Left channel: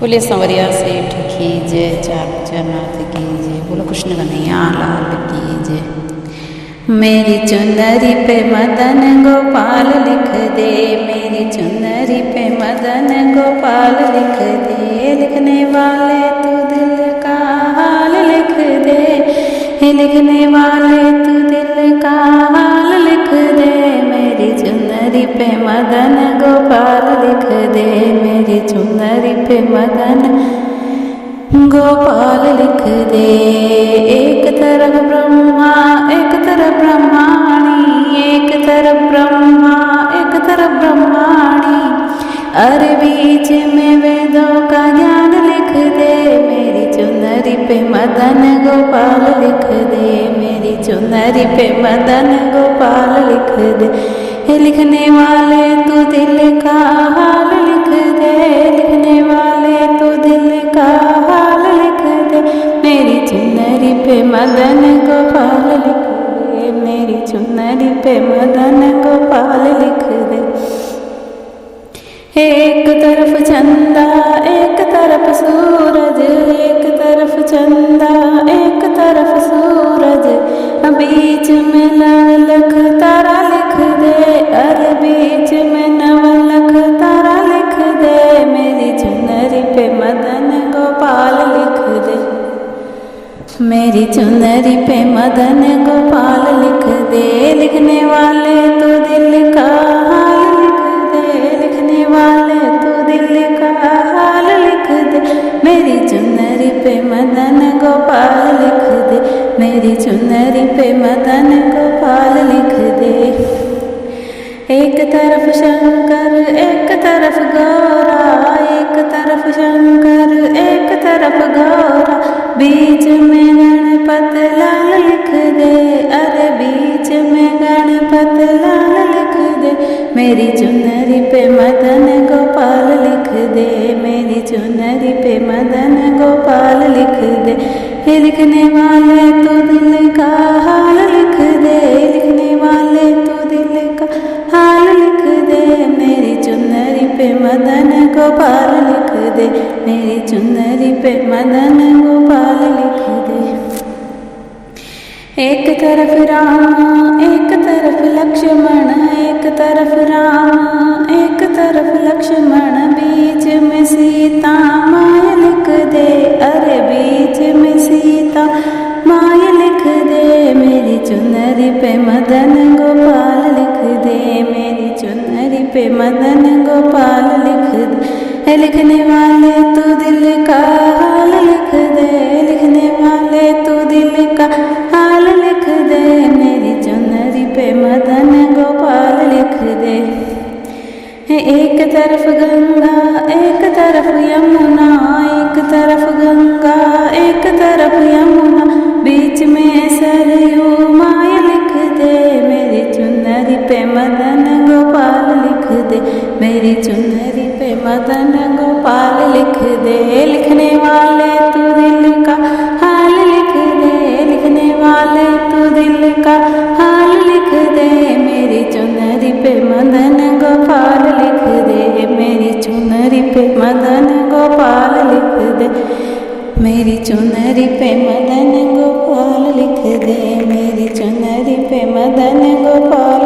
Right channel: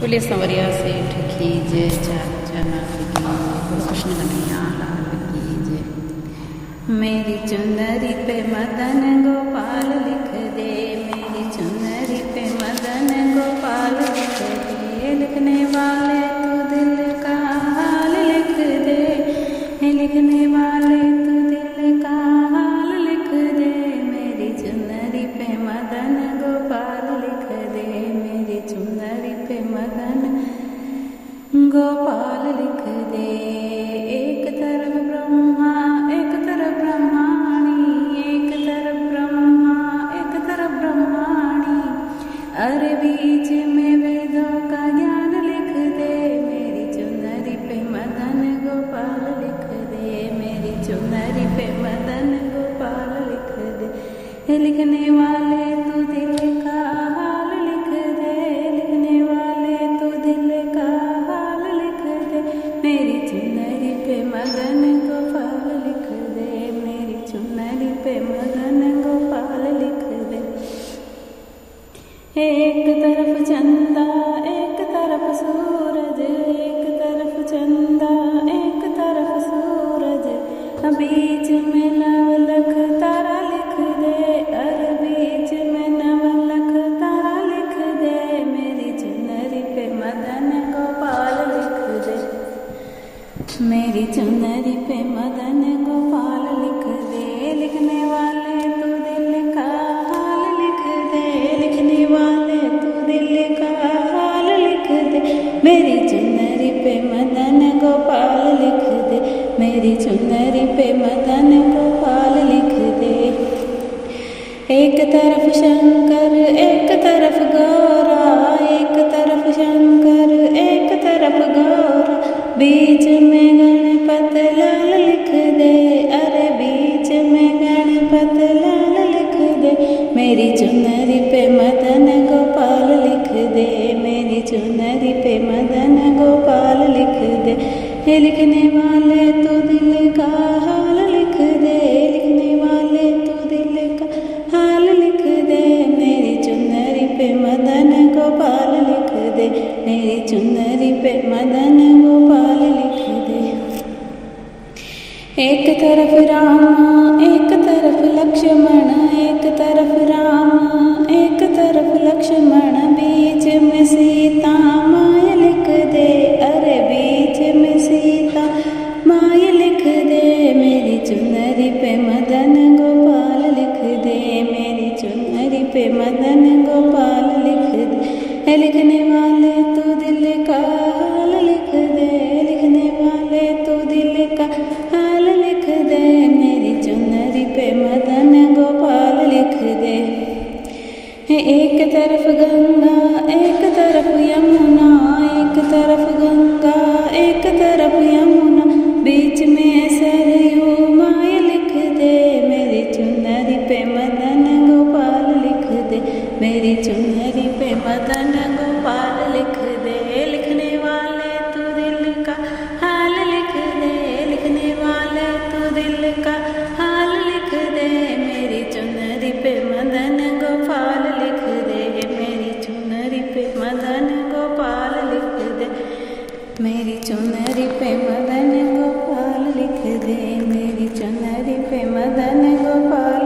बोले संवरिया सेठ की जय, चाचनाथ की जय, बोलो कृष्ण कन्हैया लाल की जय। मेरी चुनरी पे मदन गोपाल लिख दे, मेरी चुनरी पे मदन गोपाल लिख दे। लिखने वाले तू दिल का हाल लिख दे, लिखने वाले तू दिल का हाल लिख दे। मेरी चुनरी पे मदन गोपाल लिख दे, मेरी चुनरी पे मदन गोपाल लिख दे। एक तरफ ब्रह्मा एक तरफ ब्रह्माणी, एक तरफ ब्रह्मा एक तरफ ब्रह्माणी, अरे बीच में वेदों का ज्ञान लिख दे। मेरी चुनरी पे मदन गोपाल लिख दे, मेरी चुनरी पे मदन गोपाल लिख दे। लिखने वाले तू दिल का हाल लिख दे, लिखने वाले तू दिल का हाल लिख दे। मेरी चुनरी पे मदन गोपाल लिख दे, मेरी चुनरी पे मदन गोपाल लिख दे। एक तरफ चंदा एक तरफ सूरज, एक तरफ चंदा एक तरफ सूरज, बीच में नवलख तारा लिख दे, अरे बीच में नवलख तारा लिख दे। मेरी चुनरी पे मदन गोपाल लिख दे, मेरी चुनरी पे मदन गोपाल लिख दे। लिखने वाले तो दिल का हाल लिख दे, लिखने वाले तो दिल का हाल लिख दे। मेरी चुनरी पे मदन गोपाल लिख दे, मेरी चुनरी पे मदन गोपाल लिख दे। एक तरफ शंकर एक तरफ गौरा, एक तरफ शंकर एक तरफ गौरा, बीच में गणपत लाल लिख दे, अरे बीच में गणपत लाल लिख दे। मेरी चुनरी पे मदन गोपाल लिख दे, मेरी चुनरी पे मदन गोपाल लिख दे। लिखने वाले तो दिल का हाल लिख दे, लिखने वाले तो दिल का हाल लिख दे। मेरी चुनरी पे मदन गोपाल लिख दे, मेरी चुनरी पे मदन गोपाल लिख दे। एक तरफ राम एक तरफ लक्ष्मण, एक तरफ राम एक तरफ लक्ष्मण, बीच में सीता माय लिख दे, अरे बीच में सीता माय लिख दे। मेरी चुनरी पे मदन गोपाल लिख दे, मेरी चुनरी पे मदन गोपाल लिख दे। लिखने वाले तो दिल का हाल लिख दे, लिखने वाले तो दिल का हाल लिख दे। मेरी चुनरी पे मदन गोपाल लिख दे। एक तरफ गंगा एक तरफ यमुना, एक तरफ गंगा एक तरफ यमुना, बीच में